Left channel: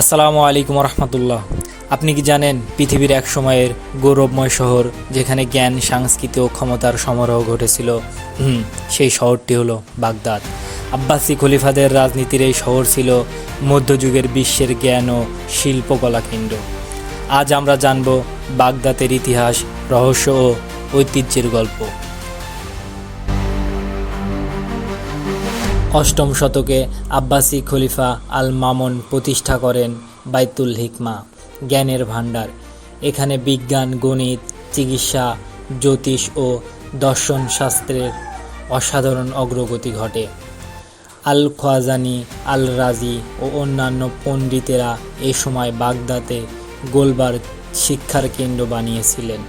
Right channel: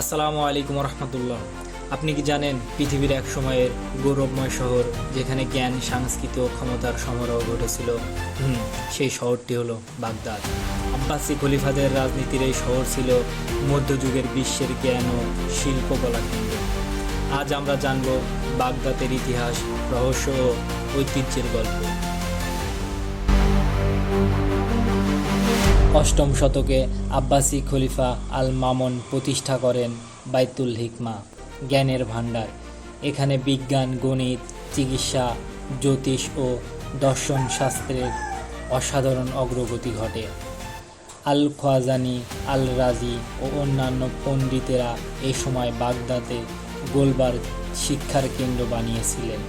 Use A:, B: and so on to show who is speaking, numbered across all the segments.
A: আসসালামু আলাইকুম রহমতুল্লাহ। আপনি কি জানেন, পৃথিবীর এক সময়ের গৌরবময় শহর যেখানে জ্ঞান, সংস্কৃতি ও ক্ষমতার সমারোহ ঘটেছিল? হুম, সেই শহরটি হলো বাগদাদ। আব্বাসি খলিফাদের রাজনীতির এই শহর ছিল মধ্যযুগের বিশ্বের জ্ঞান ও শিল্পকলা কেন্দ্র। আজ আমরা জানব বাগদাদের ইতিহাস, রহস্য ও ঐতিহ্যের গল্প। অষ্টম শতকে আব্বাসী খলিফা আল মামুন প্রতিষ্ঠা করেন বাইতুল হিকমা, জ্ঞানের ভাণ্ডার। এখানে বিজ্ঞান, গণিত, চিকিৎসা, জ্যোতিষ ও দর্শন শাস্ত্রের অসাধারণ অগ্রগতি ঘটে। আল খোয়াজানি আল রাজি ও অন্যান্য পণ্ডিতেরা এ সময় বাগদাদে গোলবার শিক্ষার কেন্দ্র বানিয়েছিলেন।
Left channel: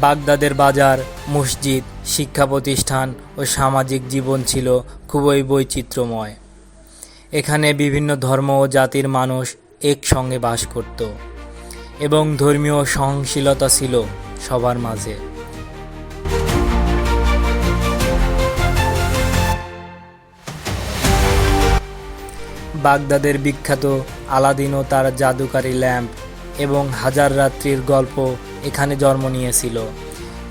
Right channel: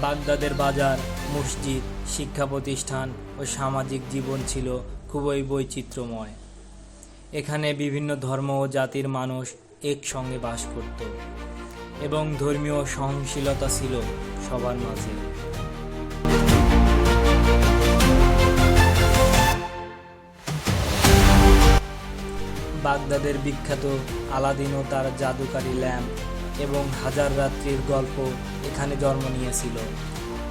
A: বাগদাদের বাজার, মসজিদ, শিক্ষা প্রতিষ্ঠান ও সামাজিক জীবন ছিল খুবই বৈচিত্র্যময়। এখানে বিভিন্ন ধর্ম ও জাতির মানুষ একসঙ্গে বাস করত এবং ধর্মীয় সহনশীলতা ছিল সবার মাঝে। বাগদাদের বিখ্যাত আলাদিন ও তার জাদুকারী ল্যাম্প এবং হাজার রাত্রির গল্প এখানে জন্ম নিয়েছিল।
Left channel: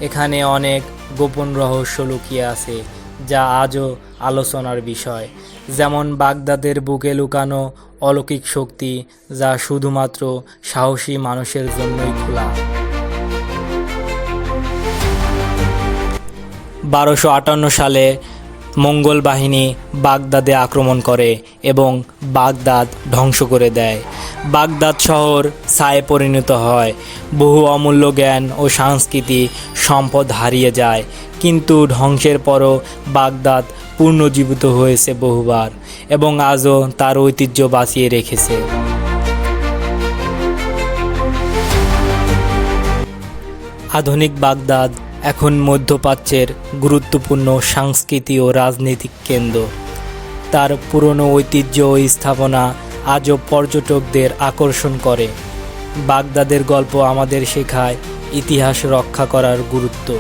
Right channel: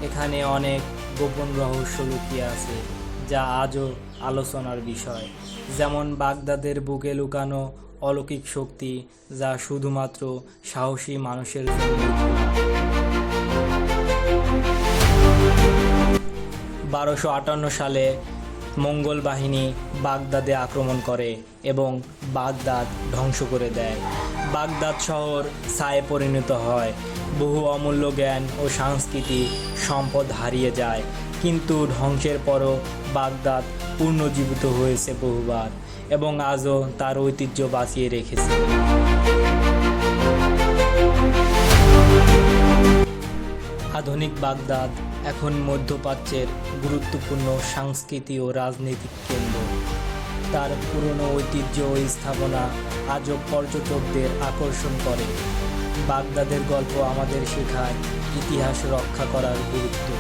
A: এখানে অনেক গোপন রহস্য লুকিয়ে আছে, যা আজও আলোচনার বিষয়। যেমন বাগদাদের বুকে লুকানো অলৌকিক শক্তি, যা শুধুমাত্র সাহসী মানুষের জন্যই খোলা। বারোশো আটান্ন সালে মঙ্গল বাহিনী বাগদাদে আক্রমণ করে এবং বাগদাদ ধ্বংস করে দেয়। বাগদাদ শহর ছায়ে পরিণত হয়। বহু অমূল্য জ্ঞান ও সংস্কৃতি সম্পদ হারিয়ে যায়। কিন্তু ধ্বংসের পরও বাগদাদ পুনর্জীবিত হয়েছে বহুবার এবং আজও তার ঐতিহ্য বাঁচিয়ে রেখেছে। আধুনিক বাগদাদ এখন মধ্যপ্রাচ্যের গুরুত্বপূর্ণ সাংস্কৃতিক ও রাজনৈতিক কেন্দ্র। তার পুরনো ঐতিহ্য ও স্থাপনা আজও পর্যটকদের আকর্ষণ করে। বাগদাদের গল্প আমাদের শেখায় ইতিহাস রক্ষা করার গুরুত্ব।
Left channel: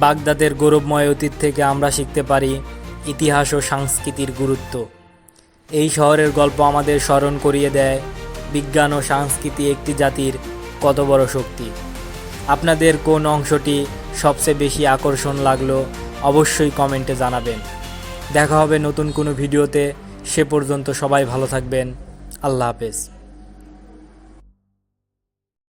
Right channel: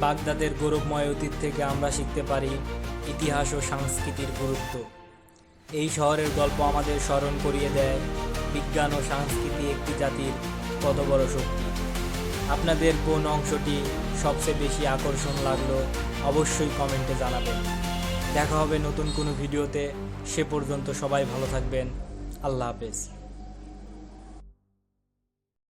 A: বাগদাদের গৌরবময় অতীত থেকে আমরা শিখতে পারি ইতিহাস ও সংস্কৃতির গুরুত্ব। এই শহরের গল্প আমাদের স্মরণ করিয়ে দেয় বিজ্ঞান ও সংস্কৃতি একটি জাতির কত বড় শক্তি। আপনাদের কোন অংশটি সবচেয়ে বেশি আকর্ষণ লাগল অবশ্যই কমেন্টে জানাবেন। দেখা হবে নতুন কোনো ভিডিওতে। সে পর্যন্ত সবাই ভালো থাকবেন। আল্লাহ হাফেজ।